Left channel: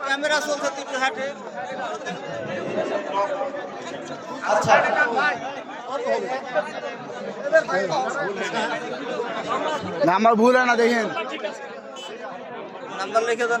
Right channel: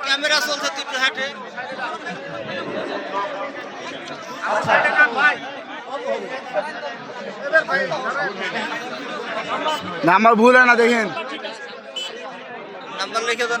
Camera চলছে তুই হাটে। নাম্বার ভুল হয় না দেখেন। নাম্বার লিখে দেন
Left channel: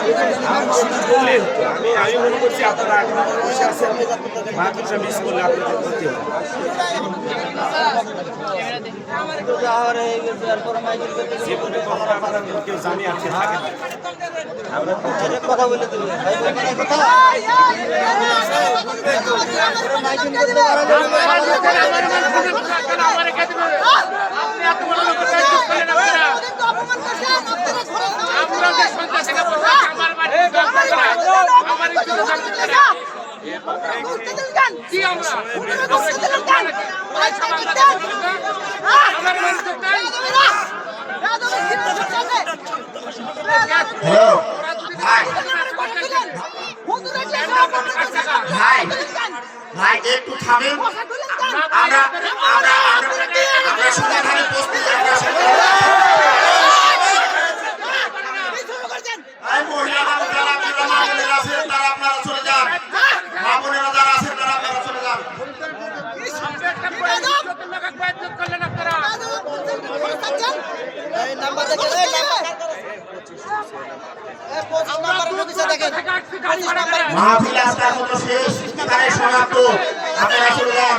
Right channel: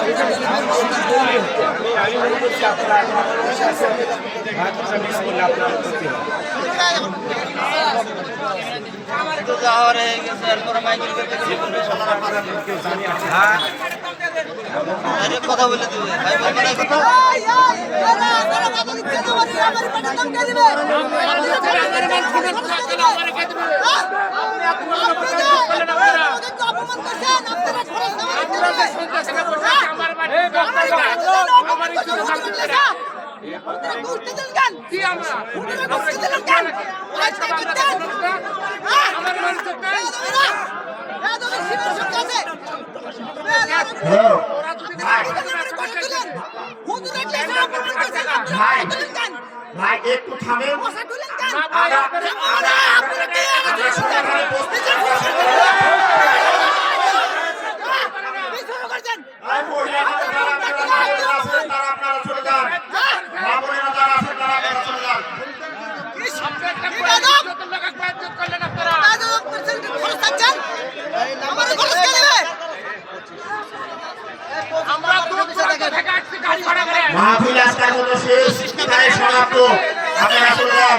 নাম্বার বলো গো। আমি মনে করছি আপনারা এখন বসে আছেন মাদ্রাসা মিস করলে আপনাদের ক্ষতি হবে তো যাওয়ার হয়ে গেছে এরপরে মাইকেল করতে গেলে বলবে আপনারা আপনারা কেউ জানি আছে আরে কথা বলে দিবে ভাই বলবে না কথা ভাই ভাই একটু থামেন আমরা আমরা আমরা সমাধানে প্রস্তুত আমরা ভাই মহিলা মানুষ যারা আপনারা মা বোনেরা আছেন তারা আপনারা চলে যান। মা বোনেরা যারা আছেন তারা আপনারা চলে যান। মাহফিল আজকে এখন শেষ। এখানে সমাপ্ত আপনারা চলে যান।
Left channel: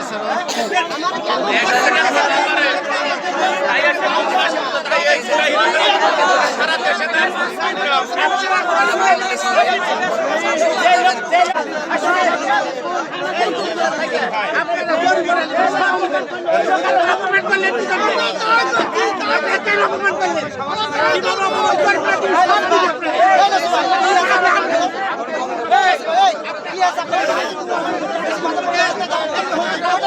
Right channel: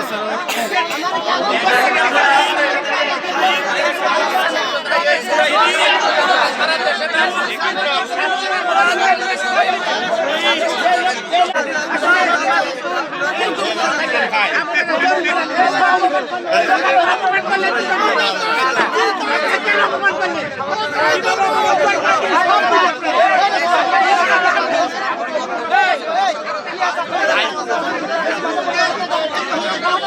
Hey!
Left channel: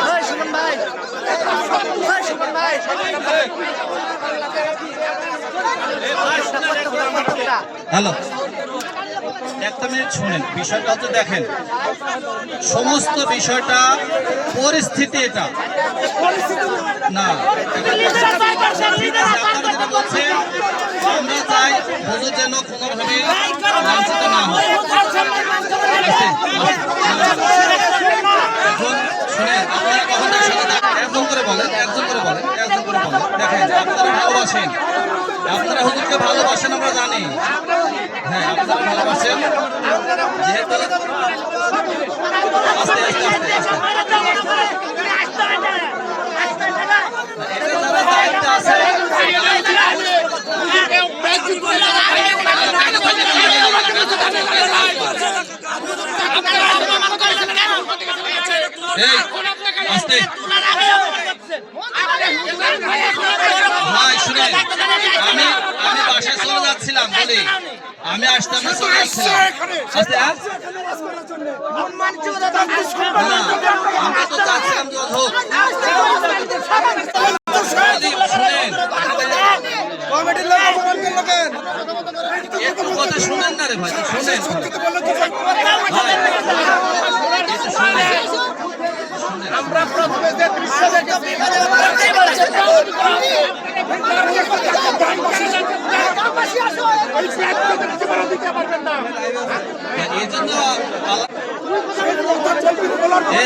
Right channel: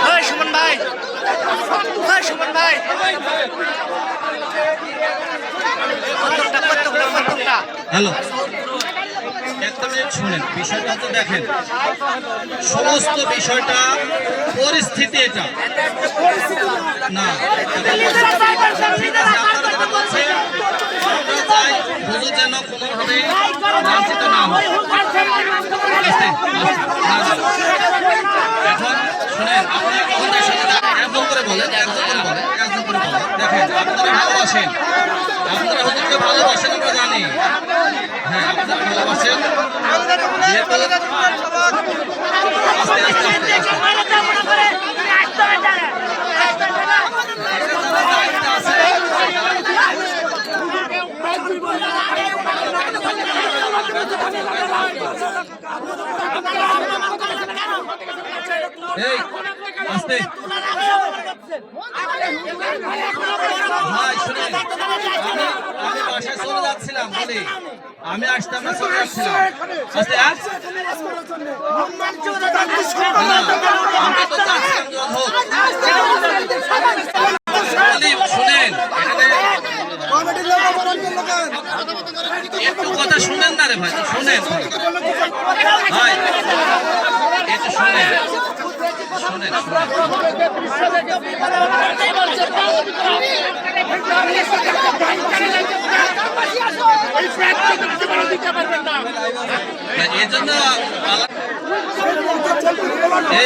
ভাই। সুমন ভাই। প্রত্যেকটা প্রত্যেকটা হ্যালো। একটা মিনিট শুনেন বিষয়টা তো দেখেন। সমস্ত বিষয়টা পরিস্থিতি এটা। না এটা পরিস্থিতি। আপনারা যেটা বলছেন আমরা চাই হুজুর যেন কোনোভাবে লাঞ্ছিত না হয় আস্তে, আস্তে, না, না, না। এখন শুনেন আপনারা আমাদের সাথে দাঁড়ান। ভালোবাসেন। আপনারা হুজুরকে ভালোবাসেন আমরা জানি। হ্যাঁ আপনারা ভালোবাসেন। আস্তে আস্তে আস্তে দায়িত্ব আছে এই আস্তে ভাই শুনেন আমি আমি আসতাম না চলে যাচ্ছিলাম হোক শুনেন একটু কথা শুনেন না রে ভাই শুনেন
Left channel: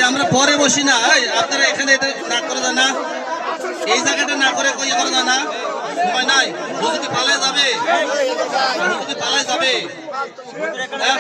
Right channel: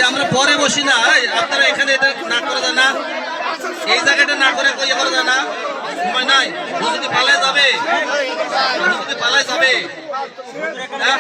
আমরা পরে বসি না। আপনারা এখানে এটা না করে দেন না। এই জায়গাটা না করে ইয়ে করে দেন না। সময় নাই। হুজুরি পালায় যাবে। হুজুরি পালায় যাবে। হ্যাঁ?